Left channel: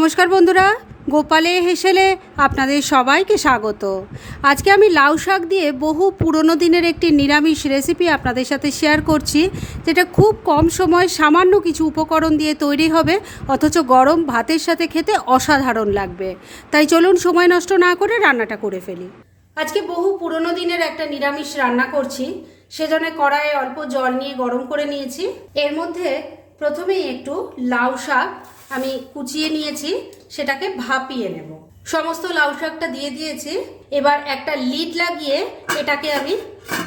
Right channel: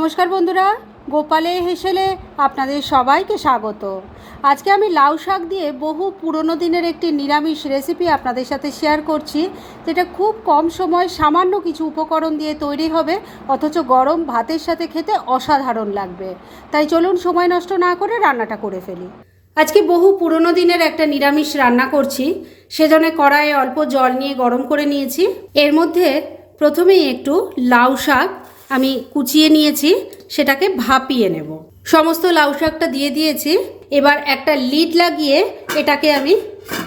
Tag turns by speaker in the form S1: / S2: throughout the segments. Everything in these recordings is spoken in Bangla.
S1: নমস্কার বন্ধুরা, গোপালে হেসেলে আপনাদের সবাইকে স্বাগত। আজকে আমি লাউ শাক দিয়ে বহু পুরনো দিনের একটি নিরামিষ রেসিপি আপনাদের সাথে শেয়ার করছি, যেটা খুব কম সময় সামান্য কিছু উপকরণ দিয়ে তৈরি হবে, অথচ গরম ভাতের সাথে খেতে অসাধারণ লাগবে। তাই চলুন সময় নষ্ট না করে রান্নাটা করে ফেলি। আজকে বহু পুরনো দিনের একটা নিরামিষ রান্না করছি, সেজন্য কড়াইয়ে অল্প জল নিয়ে গরম করে নিয়েছি। এর মধ্যে প্রথমেই একটু লাউ শাক আমি কুচিয়ে নিয়েছি, সেটাকে ভাপিয়ে নেব। সমস্ত লাউ শাকটা দিয়ে দিয়েছি, এবার একটা লিড লাগিয়ে এটাকে আমি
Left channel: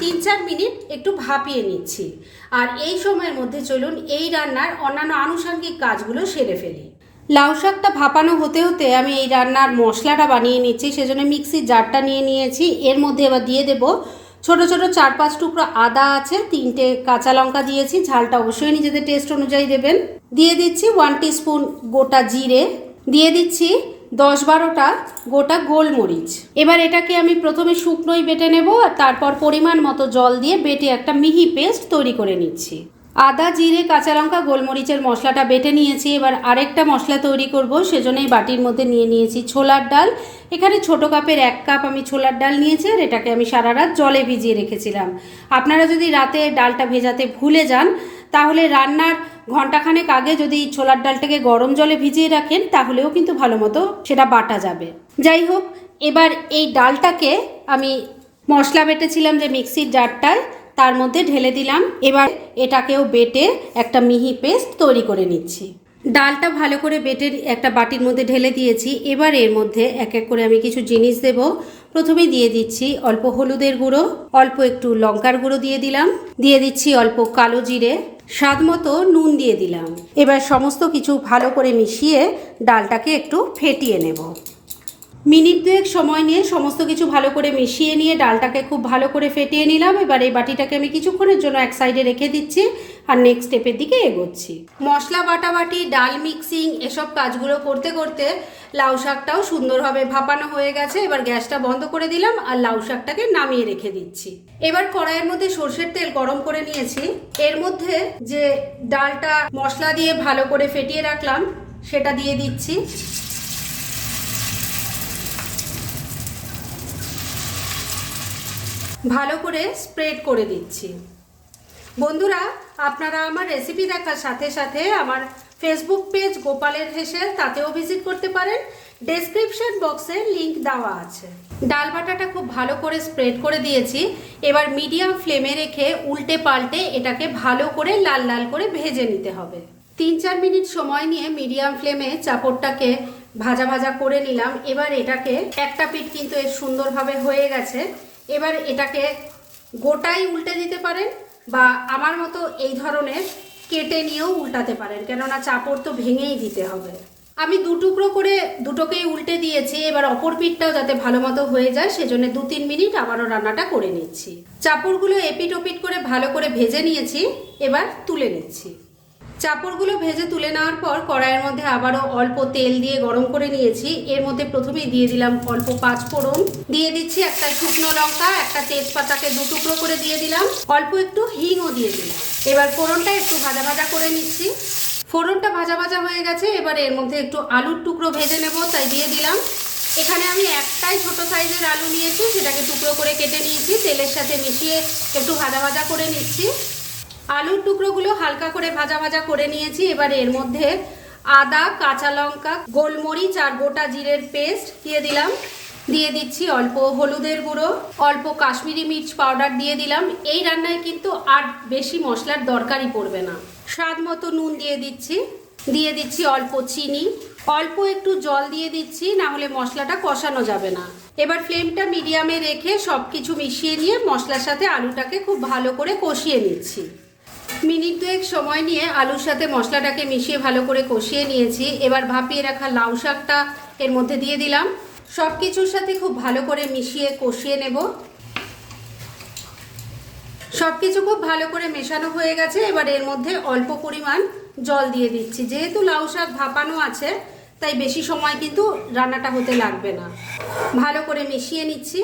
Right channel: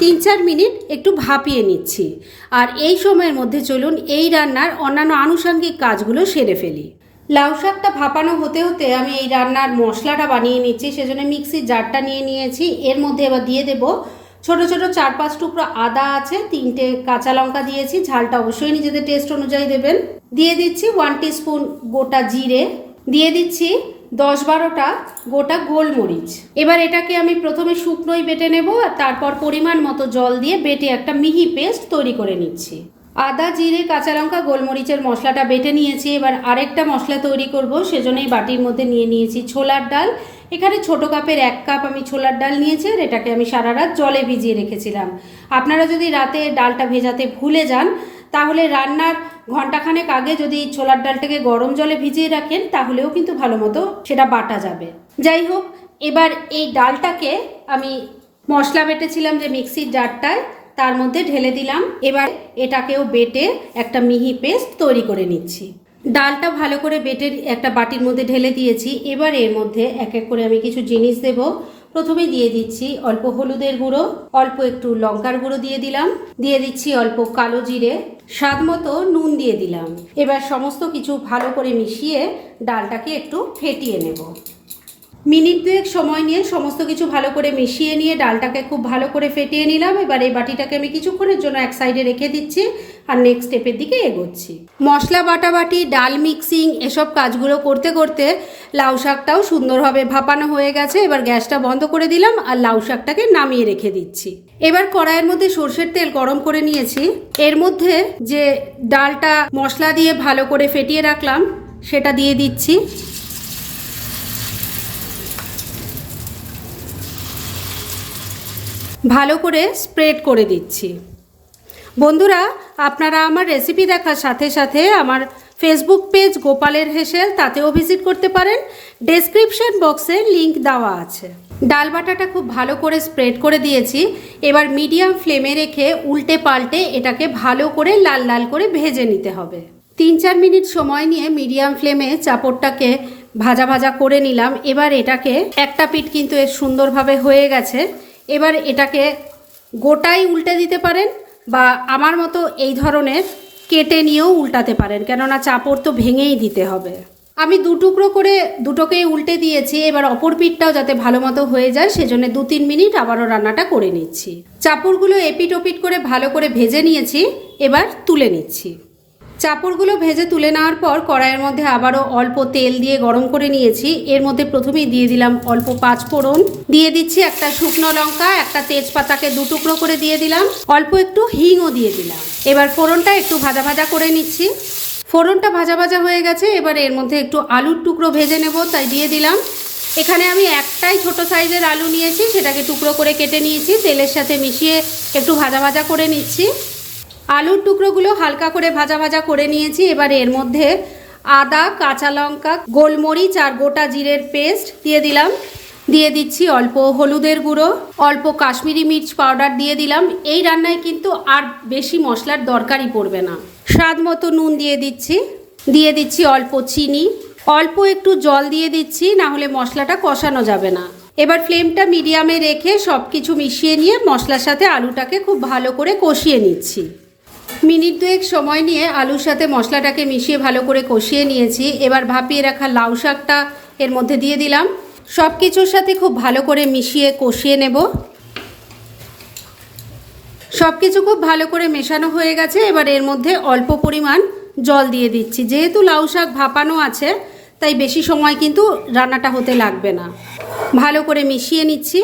S1: তিন চার মিনিট একটু ভাপিয়ে নিচ্ছি। আর এই সময়ের মধ্যে চলুন এই রান্নার অন্যান্য আনুষঙ্গিক কাজগুলো সেরে ফেলি। লাউ শাকটা ভাপানো হতে হতে আমি এই রান্নার মশলাটা বানিয়ে নিচ্ছি, সেজন্য মিক্সির জারটা নিয়ে নিয়েছি। এর মধ্যে এবার দিয়ে দেবো ছোট ছোট চার পাঁচ টুকরো আদা আছে, তিনটে কাঁচা লঙ্কা দিয়েছি, ঝালটা অবশ্যই নিজেদের টেস্ট অনুযায়ী দেবেন। দিয়ে দিচ্ছি ওয়ান স্পুন গোটা জিরে, দিয়ে দিচ্ছি দশ বারোটা গোটা গোলমরিচ। এবার এটাকে আমি প্রথমে শুকনোই বেটে নেব আর তারপর পরিমাণ মতো জল দিয়ে বেটে একটা মিহি পেস্ট তৈরি করে নিচ্ছি। আদা, জিরে, কাঁচা লঙ্কা, গোলমরিচের মশলাটা বেটে নিয়েছি। এবার আরেকটা মশলা তৈরি করব, সেজন্যই বাটির মধ্যে নিয়ে নিয়েছি ছোলার ডাল। এখানে ছোট কাপের এক কাপ আমি ছোলার ডাল নিয়েছি আর এটাকে আমি সারা রাত জলে ভিজিয়ে রেখেছিলাম। আপনারা যদি রাতে ডালটা ভেজাতে ভুলে যান, তাহলে রান্নার ঘন্টাখানেক আগে যদি ছোলার ডালটাকে গরম জলে ভিজিয়ে রাখেন, তাহলেও কিন্তু ভালো মতো সেটা বাটা যাবে। যাই হোক, এবার এই ডালটাকে আমি মশলা বেটেছিলাম যে মিক্সির জারটায়, তার মধ্যে ঢেলে দিলাম। এবার এটাকেও বেটে একটা মিহি পেস্ট তৈরি করে নিচ্ছি। ডালটা ভালো করে বেটে একটা বাটির মধ্যে ঢেলে দিয়েছি। এবার এর মধ্যে এক এক করে আমি কিছু জিনিস দেব। প্রথমে দিয়ে দিচ্ছি অল্প হলুদের গুঁড়ো, অল্প একটু লঙ্কার গুঁড়ো দিয়ে দিলাম। দিয়ে দিচ্ছি অল্প কালো জিরে, স্বাদ মতো নুন দিয়ে দিলাম। এবার সমস্ত কিছু ভালো করে মিশিয়ে ডালটাকে একটু ফেটিয়ে নেব। মিনিট দুয়েক সময় নিয়ে সমস্ত কিছু ভালো করে মিশিয়ে নিয়ে ডালটাকে খুব ভালো করে ফেটিয়ে নিলাম। এবার এই বাটিটাকে আমি কিছুক্ষণের জন্য এক সাইডে রেখে দিচ্ছি আর নেক্সট স্টেপের দিকে এগোচ্ছি। মশলা বাটাবাটি, ডাল মিক্সিং এসব কাজগুলো করতে করতে লাউ শাকটাও সুন্দরভাবে ভাপানো হয়ে গেছে। এবার গ্যাসটা বন্ধ করে দিলাম আর লাউ শাকটাকে নামিয়ে রেখে দিচ্ছি। এবার কড়াইয়ের মধ্যে সর্ষের তেল গরম করে নিয়েছি। এর মধ্যে যে ডালটা মশলা দিয়ে ভালো করে ফেটিয়ে রাখলাম, সেটা দিয়ে দিচ্ছি। ভালো করে স্প্রেড করে দিচ্ছি। বন্ধুরা, আপনারা আমার রেসিপি দেখার সাথে সাথে আমার ফেসবুক পেজ গোপালের হেসেল, তাতেও ভিজিট করতে পারেন। ডেসক্রিপশন বক্সে লিংক দেওয়া আছে। ডাল বাটাটা খুব ভালো করে স্প্রেড করে দিয়েছি। এবার মিডিয়াম ফ্লেমে রেখে উল্টে পাল্টে এটাকে ভালো করে লাল লাল করে ভেজে নিতে হবে। তিন চার মিনিট সময় নিয়ে মিডিয়াম ফ্লেমে চাপড়টাকে ভাজা ভাজা করে নিলাম। এবার এটাকে একটা পিঠ কিন্তু এর সুন্দরভাবে হয়ে গেছে। এবার এটাকে গোটাই উল্টে দিতে পারেন বা আমার মতো এই ধরনের কেটে নিয়েও উল্টাতে পারেন, কেননা চাপড় তো ভেঙেই দিতে হবে। আমি দু টুকরো করে দুটোকেই উল্টে দিয়েছি, এবার অপর পিঠটাও যাতে ভালো মতো হয়ে যায়, সেজন্য দু তিন মিনিট আবারও রান্নাটা করে নিচ্ছি। চাপড়গুলো এপিট ওপিট করে ভালো করে ভেজে নিয়েছি, এবার তুলে নিচ্ছি। চাপড়গুলো ভেজে তুলে নেওয়ার পর কড়াইয়ের মধ্যে আবারও অল্প তেল দিয়ে গরম করে নিয়েছি। এর মধ্যে প্রথমেই দিয়ে দিলাম অল্প পাঁচ ফোড়ন। দিয়ে দিচ্ছি একটা শুকনো লঙ্কা, একটা তেজপাতাকে দু টুকরো করে দিয়ে দিলাম। অল্প একটু হিংও দিয়ে দিলাম। এবার ফোড়নটা একটু ভাজা ভাজা করে নিচ্ছি। ফোড়নটা ভাজা ভাজা হয়ে গেছে, এবার এর মধ্যে একটু আলুর টুকরো ভেজে নেব, তাই দিয়ে দিলাম। এখানে আমি একটাই ছোট সাইজের আলু নিয়েছি, সেটাকে টুকরো করে কেটে নিয়েছি। তেলের সাথে মিশিয়ে একটু ভাজা ভাজা করে নিচ্ছি। আলুর টুকরোগুলো হালকা করে ভাজা ভাজা করে নিয়েছি। এবার এর মধ্যে আদা, কাঁচা লঙ্কা, গোলমরিচ আর গোটা জিরের পেস্ট দিয়ে দিলাম। দিয়ে দিচ্ছি অল্প হলুদের গুঁড়ো, অল্প কাশ্মীরি মির্চ পাউডার দিয়ে দিলাম। এই রান্নায় কিন্তু আর বেশি মশলার দরকারই পড়বে না। স্বাদ মতো নুন দিয়ে দিচ্ছি। দিয়ে দিচ্ছি অল্প চিনি। অল্প একটু জল দিয়ে দিচ্ছি, না হলে মশলাটা কষানো যাবে না। এবার ফ্লেমটা মিডিয়ামে রেখে সব কিছু মিশিয়ে নিয়ে মশলার সাথে আলুটাকে খুব ভালো করে কষিয়ে নিচ্ছি। মিনিট দুয়েক সময় নিয়ে আলুর সাথে মশলাটাকে মিশিয়ে ভালো করে কষিয়ে নিয়েছি। এবার ভাপিয়ে রাখা লাউ শাকটা এর মধ্যে দিয়ে দিলাম। সব কিছুর সাথে খুব ভালো করে মিশিয়ে কষিয়ে নেব। সব কিছু খুব ভালো করে মেশানো হয়ে গেছে। এবার এর মধ্যে অল্প পরিমাণ জল দিয়ে দিচ্ছি। যেহেতু লাউ শাক ভাপানো আছে, তাই বেশি সময় কিন্তু রান্নাটা হতে লাগবে না। ভালো করে মিশিয়ে নিচ্ছি।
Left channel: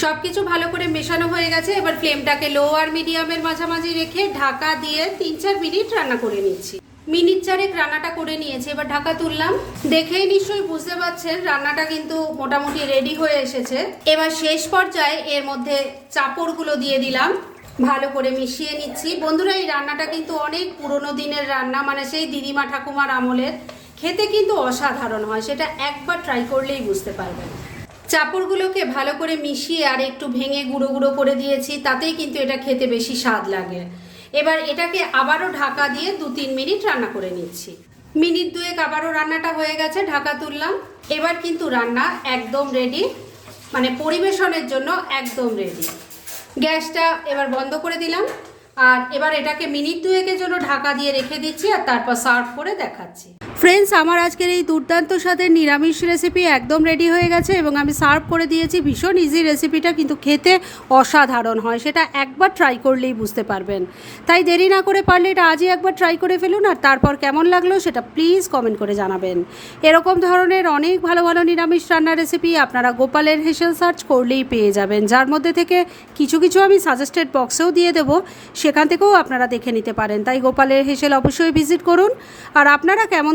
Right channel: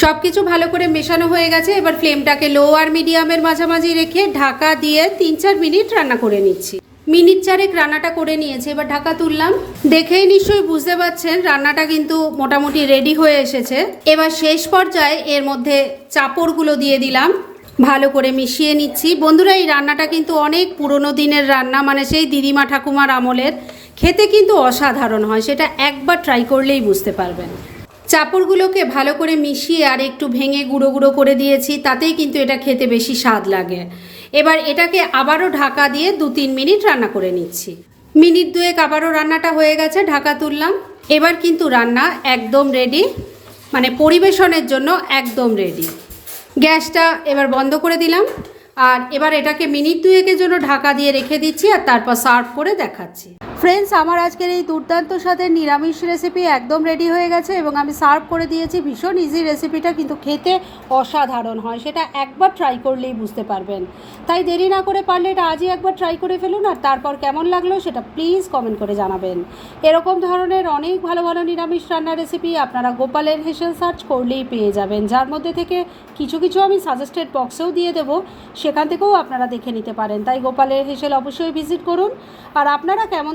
S1: সব কিছু ভালো করে মেশানো হয়ে গেছে। এবার ফ্লেমটাকে লো আর মিডিয়ামের মাঝামাঝি রেখে ঢাকা দিয়ে তিন চার মিনিট রান্না করে নিচ্ছি। মিনিট চারেক রান্নাটা করে নিয়েছি, এবার ঢাকা তুললাম। দেখেই নিশ্চয়ই বুঝতে পারছেন, রান্নাটা কিন্তু মোটামুটি রেডি হয়ে এসেছে। এবার শেষ পর্যায়ে এর মধ্যে চাপড়গুলো দিয়ে দিলাম। ভালো করে মিশিয়ে নিচ্ছি। বন্ধুরা, এই রান্নাটা কিন্তু অনেক পুরনো দিনের রান্না মানে সেই দিদিমা ঠাকুমার আমলের। খেতে কিন্তু অসাধারণ হয়, সেটা একবার ট্রাই করলেই বুঝতে পারবেন। চাপড়গুলোকে ভালো করে মিশিয়ে আর একটু ভেঙে গুঁড়ো গুঁড়ো করে দিয়েছি, তাতেই কিন্তু এটা খেতে বেশি স্বাদ লাগে। এবার এটাকে আবারও ঢাকা দিয়ে দু তিন মিনিট রান্না করে নিচ্ছি। মিনিট দুয়েক আবারও রান্নাটা হয়ে গেছে, ঢাকা তুললাম। এবার কিন্তু রান্না একদম রেডি মানে পরিবেশনের জন্য একদম রেডি গ্যাসটা এবার বন্ধ করে দিলাম, আর এবার এটাকে মিনিট দুয়েকের জন্য ঢাকা দিয়ে রেখে দিচ্ছি আর তারপর সার্ভ করে দেখাচ্ছি। ফ্রেন্ডস আমার আজকের এই দুর্দান্ত স্বাদের নিরামিষ রেসিপি একদম রেডি হয়ে গেছে এবং আমি সার্ভ করে দিয়েছি। ভীষণ ইজি রেসিপিটা কিন্তু খেতে অসাধারণ হয়। সেটা একবার ট্রাই করলেই বুঝতে পারবেন। তাই দেরি না করে পারলে এটা আজই একবার ট্রাই করে ফেলুন আর তারপর কেমন লাগল সেটা প্লিজ কমেন্ট করে জানাবেন। এরকম ধরনের অনেক ভালো ভালো নিরামিষ রান্নার রেসিপি আপনারা গোপালের হেসেল সার্চ করলেই পেয়ে যাবেন। যার মধ্যে থেকে কিছু কিছু আমি সাজেস্টেড বক্সেও দিয়ে দেবো। সেখান থেকেও আপনারা দেখে নিতে পারেন। তাই গোপালের হেসেল অবশ্যই ভিজিট করুন। আর আপনারা কেমন